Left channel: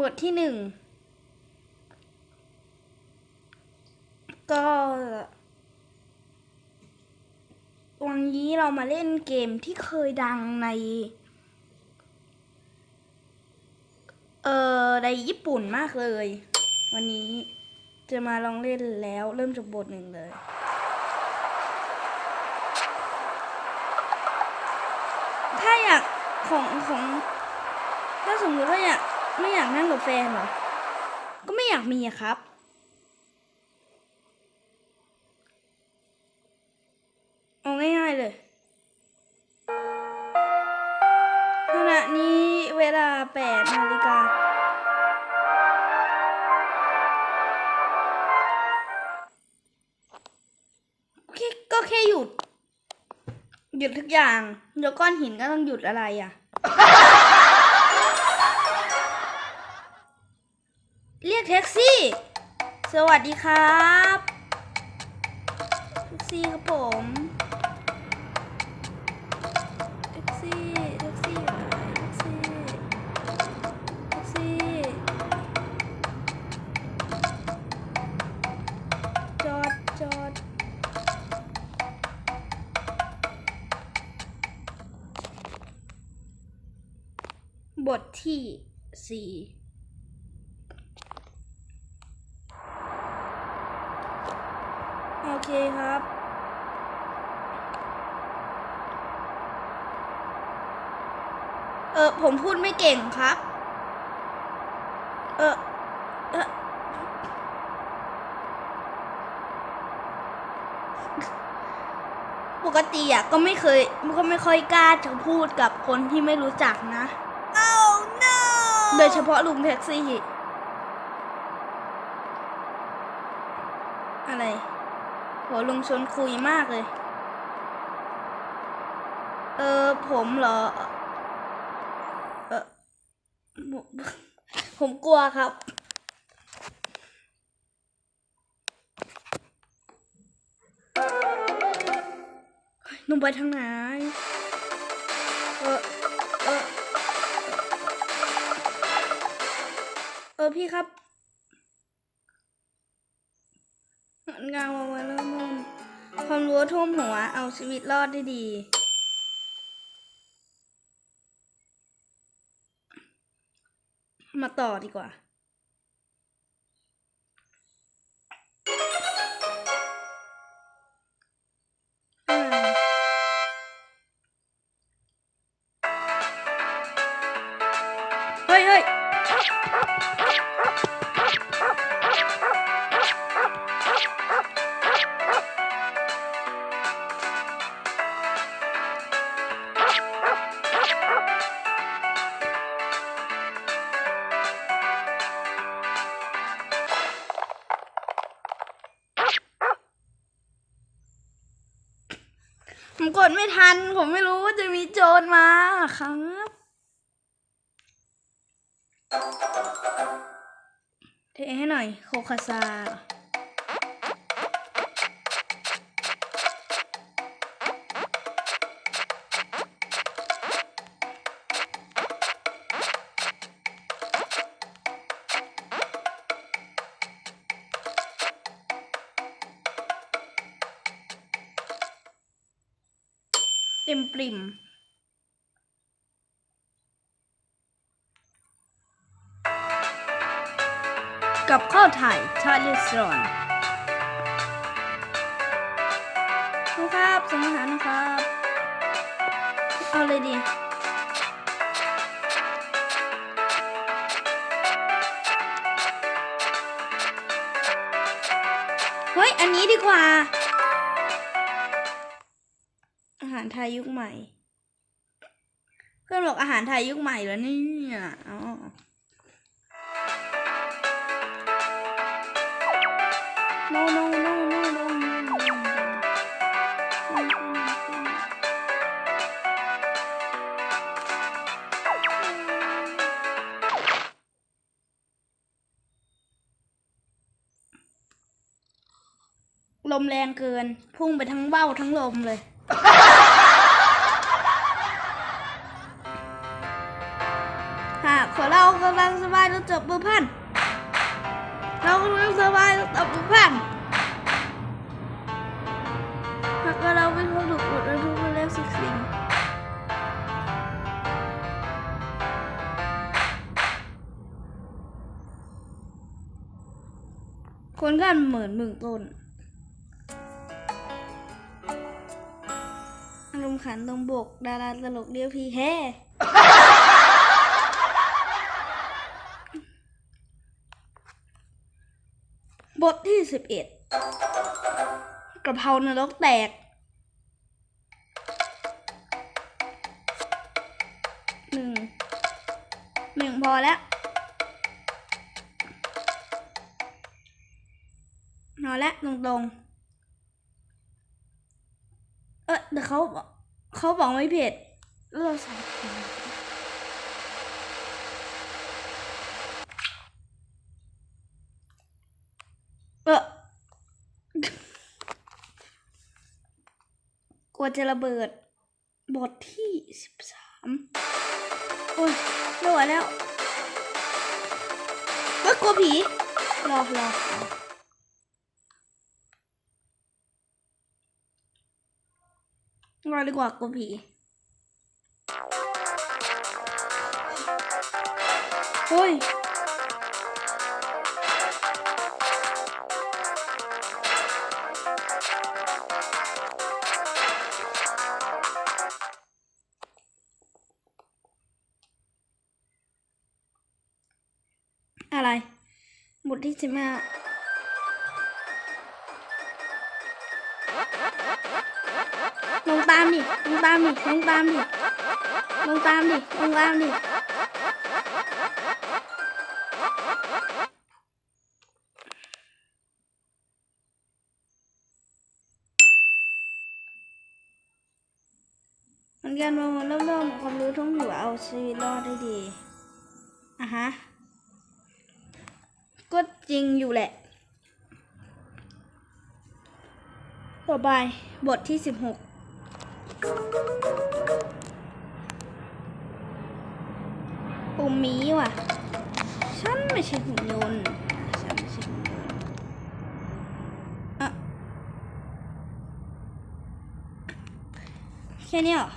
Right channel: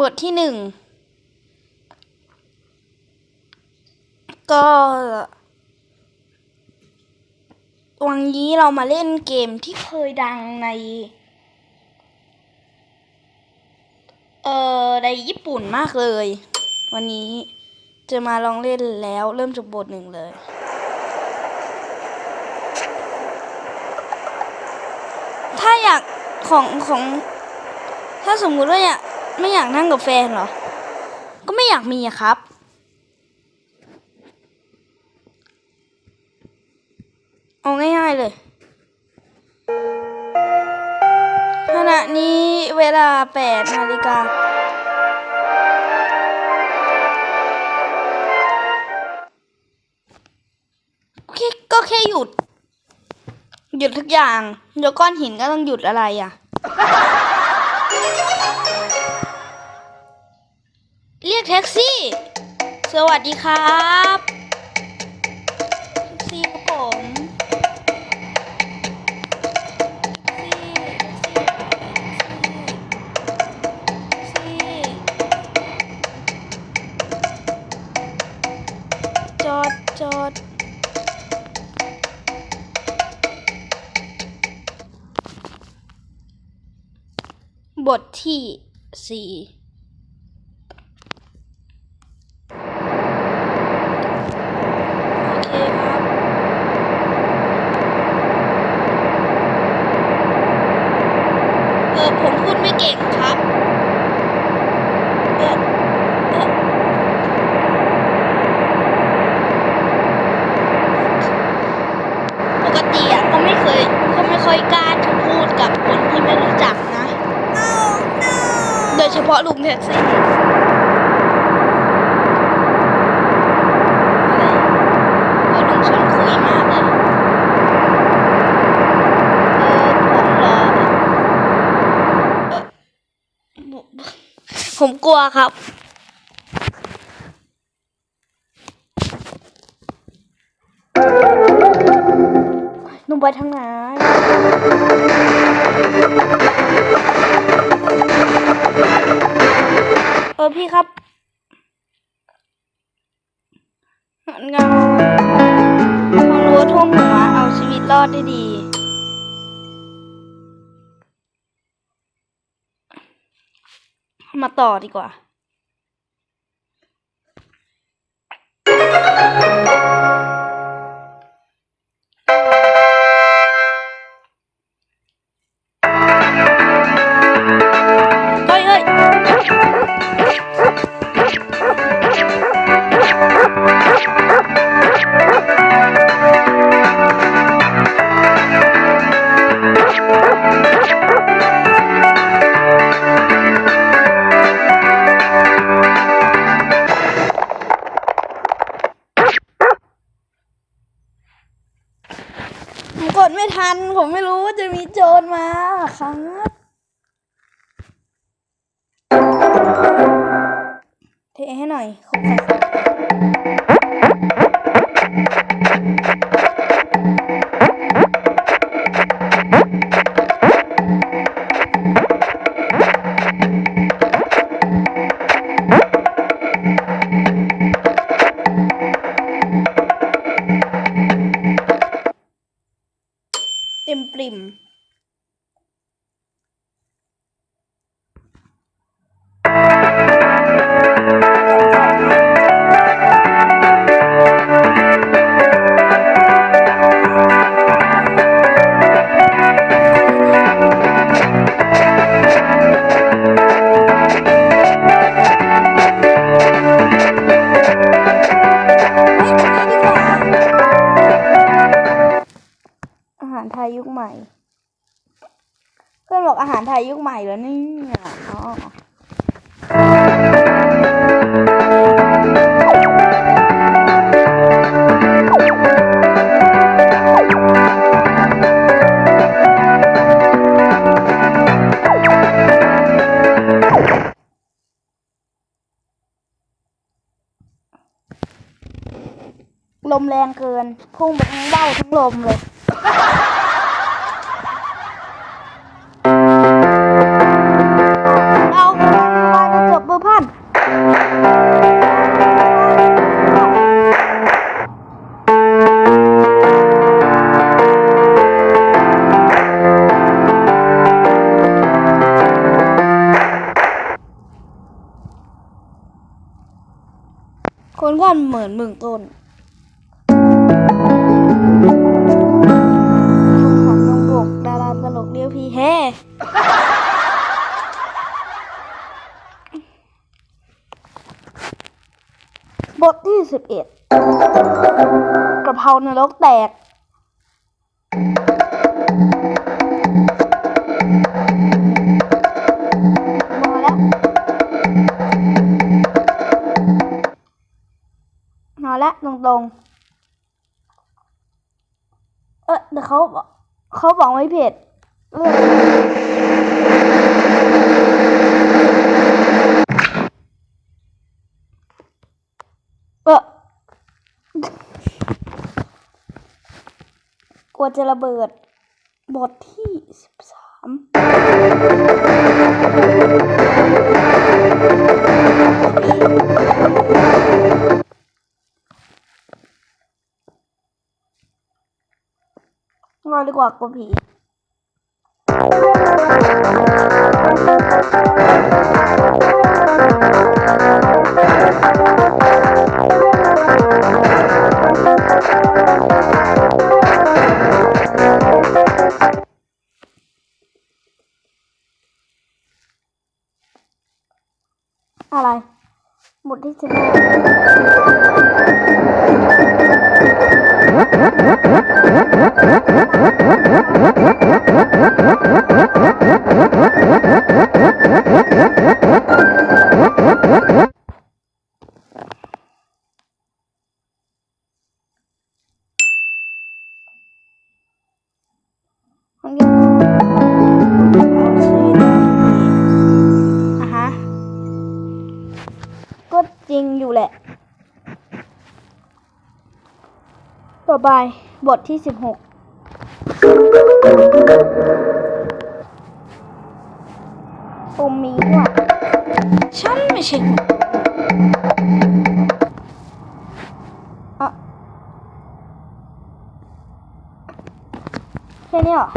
บทที่หนึ่งก็วันนี้เรามาเล่นเกมที่เคยดังใน เอ่อ ในญี่ปุ่นมากเลย วันนี้จะมาลองเล่นแล้วเริ่มจากบทหนึ่งเลยถ้าอยากของของ ถ้าสมมุติว่าอยาก ไม่อยากนั่งกับแฟนเหรอ ก็ไม่อยากมีอะครับ เอาง่ายๆเลยขณะนี้เวลา8นาฬิกาแค่ก็แค่หยุด หยุดทุกอย่าง เดี๋ยวก้อนหินก็ต้องหยุดอะไรอะ แท็กซี่ สวัสดีครับแท็กซี่ครับผมแท็กซี่แท็กซี่แท็กซี่แท็กซี่จอดจอดบทที่สี่โอเคครับ เออ ผมพูดไม่เก่งครับเออเออปกติอะก็ไม่เคยก็ไม่ค่อยกล้าจะพูดกับคนที่ไม่รู้จักนะโดยเฉพาะลุงแท็กซี่ อะไรโอ้ลุงชวนคุยมากเลย เออ ผมเหรอเอ่อผมผมกลัวครับ หนุ่ม ไปทางไหนเออพี่ครับเงาความรู้ท่วมหัวเอาชีวิตรอดได้ดี มาต่อดีกว่า ห้หน่อยโคคาซา อบอกอาหารไทยยุคใหม่แล้วนี่ยอ๋อลมแรงเกิน พุ่งไปทั้งเบ้าทั้งลมเลย ต้นคุณขันลงบกดาราตลกเรียวพี่เฮ่บทที่สิบเอ็ดกระเพรานรกแตก แล้วตรงๆ เออแต่เขาเขาบอกไม่เผ็ดเอเออกลัวจะระเบิด บทที่สิบสามกลัวผีรอ ดีกว่ากลัวผี คนเรียนรู้แล้วก็เอาชีวิตดีๆอะฮะก็จริงอยู่แหละ ต่อไปบทที่สิบหก มีว่ะ ฉันไม่ใช่หุ่นยนต์แค่นี้เหรอ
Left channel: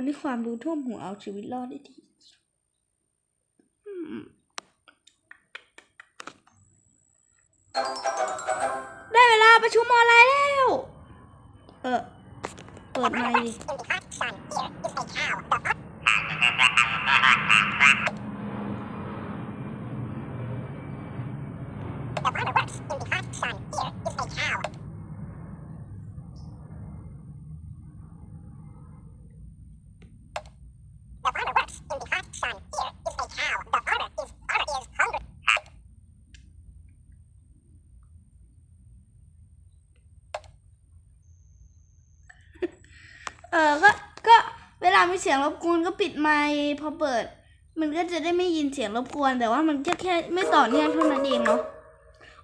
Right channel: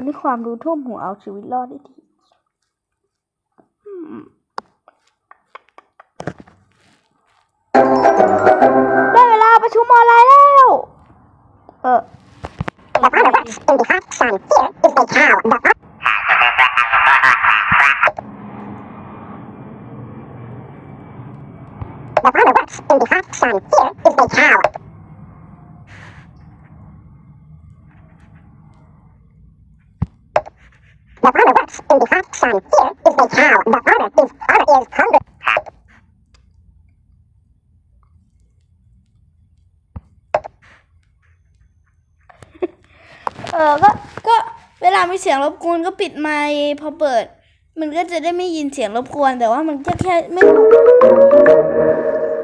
คนที่ความรู้ท่วมหัวเอาชีวิตรอดได้ดีอืมได้เวลาประชุมออนไลน์แล้ว เออเปิดดีเออก็ เออก็ ก็เวลามีเสียงรบกวนก็ปิดไมค์พอเปิด มันก็จะได้ไม่ยินเสียงรบกวน แต่ว่ามันก็แค่ไม่ต่อเนื่องเท่านั้นเอง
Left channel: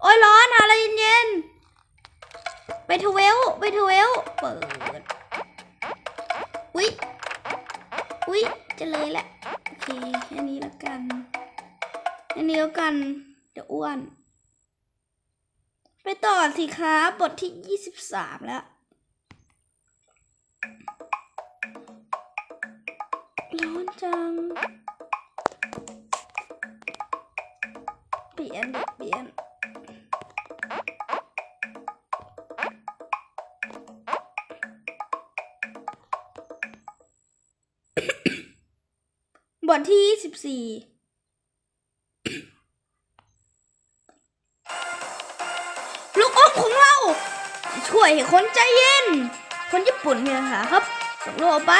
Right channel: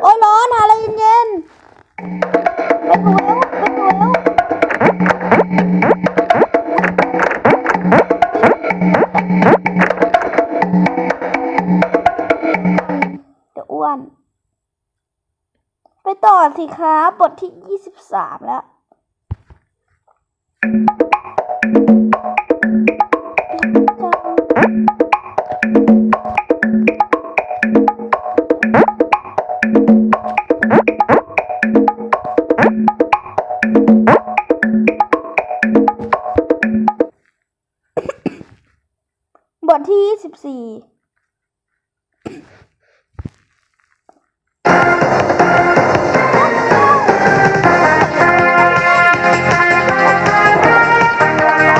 โอ้ยร้อนหาอะไรเย็นๆไปทเวลไปทเวล นี่แล้วกันจะอ้วน ไปต่อสิครับ บทที่ยี่สิบสามแล้ว ร้องของเาช่วยให้นใจเย็นเป็นทุกคนนะครับต่อไป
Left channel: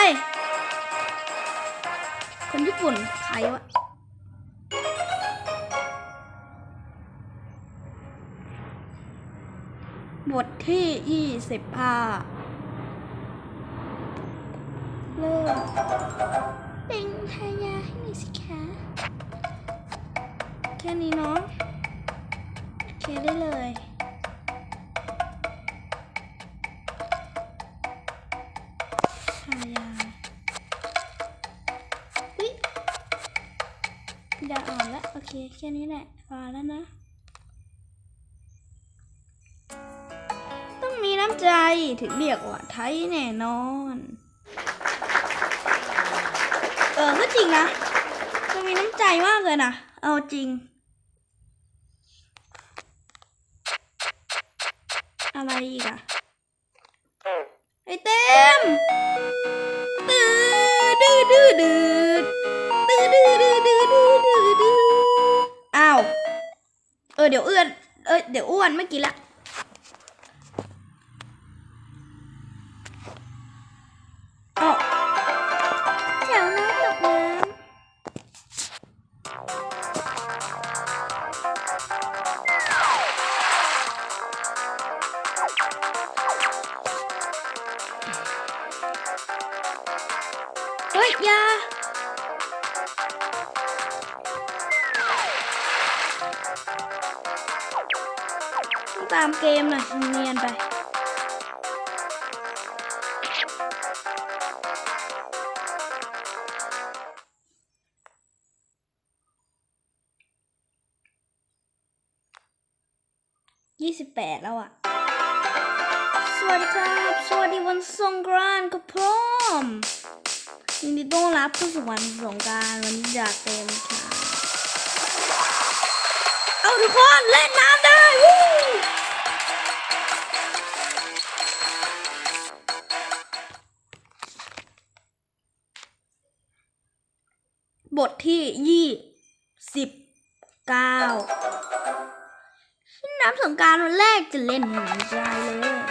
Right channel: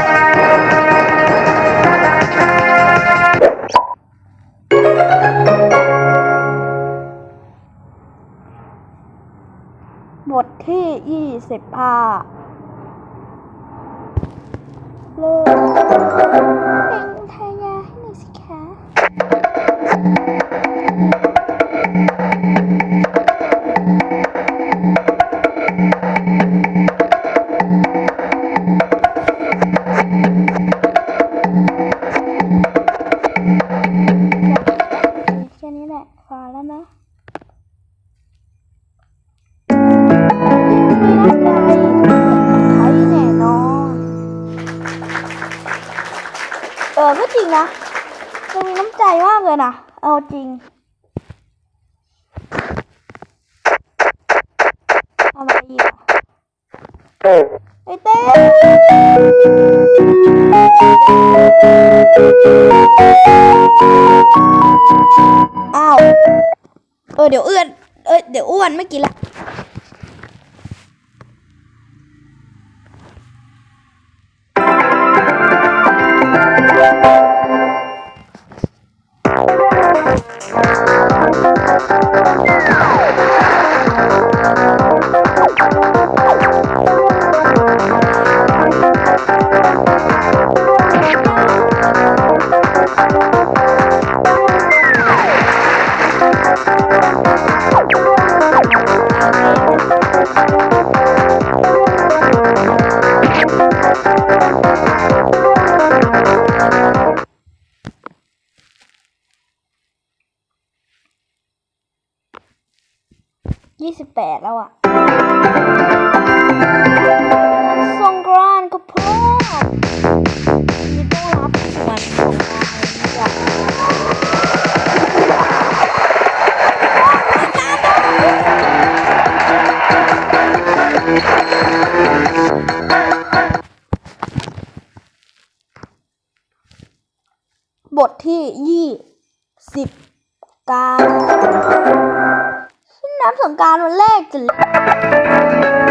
บทที่ยี่สิบห้า มาได้ยินอะไอเต้มอ้าว เออเดี๋ยวเอื้อน เออเดี๋ยวอ้วนเมื่อกี้ละ ยี่สิบแปดแล้วอะ น้ำสงการวันแรกจะเล่น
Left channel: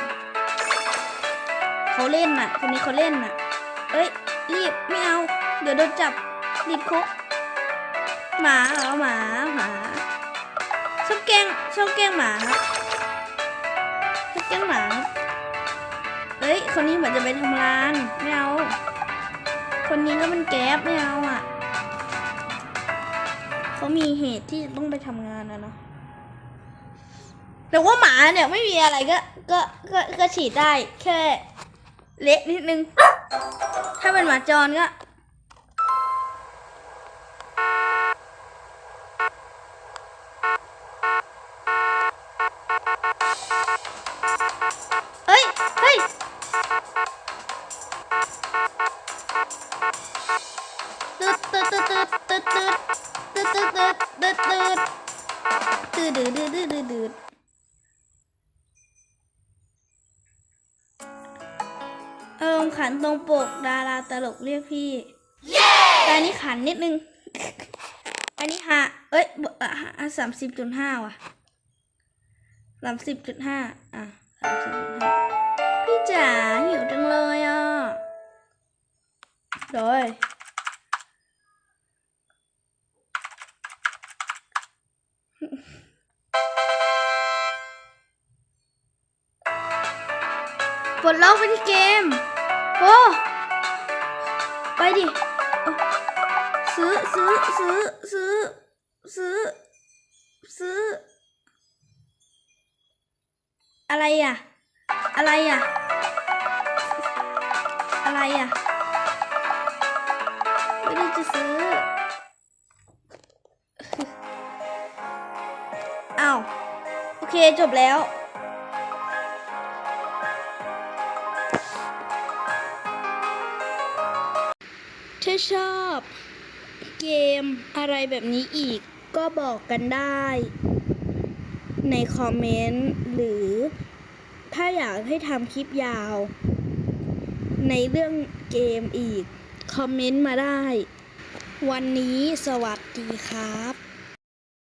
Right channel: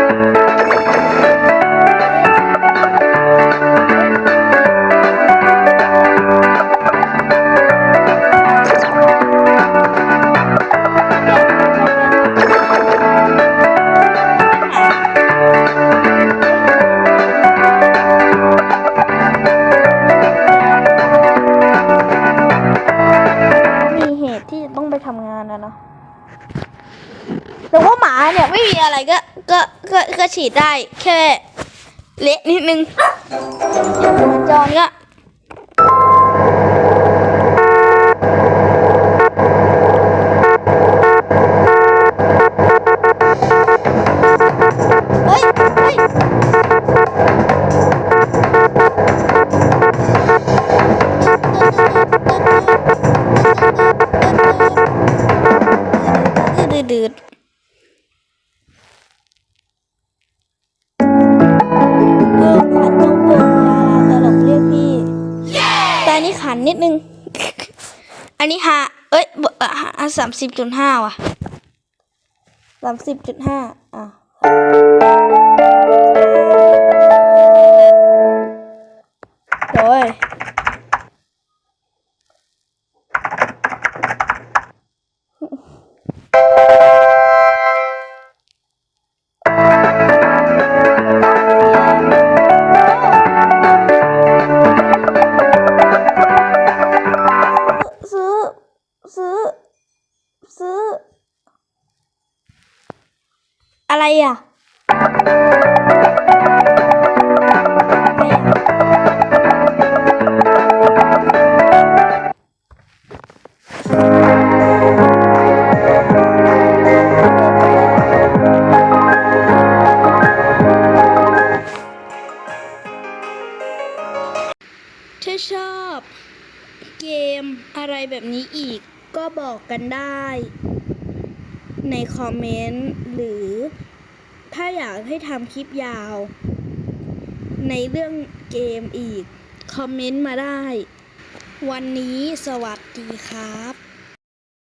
แต่ว่าหมาเนี่ยไม่มีอะไรก็ก็ก็ก็ฉีดได้แค่เละนิดนึง ถ้าเป็นหมาจรเนี่ย ตหนึ่ง อันนี้หาเอ้ยสามสิบจุดห้าว่ะสามสิบจุดห้าอะจ้า กันได้ ในคอมเมนต์หรือถ้าอยากให้ทำคลิปยาว ในเรื่องเกมอีก คอมเมนต์มาได้ วันนี้สวัสดีครับ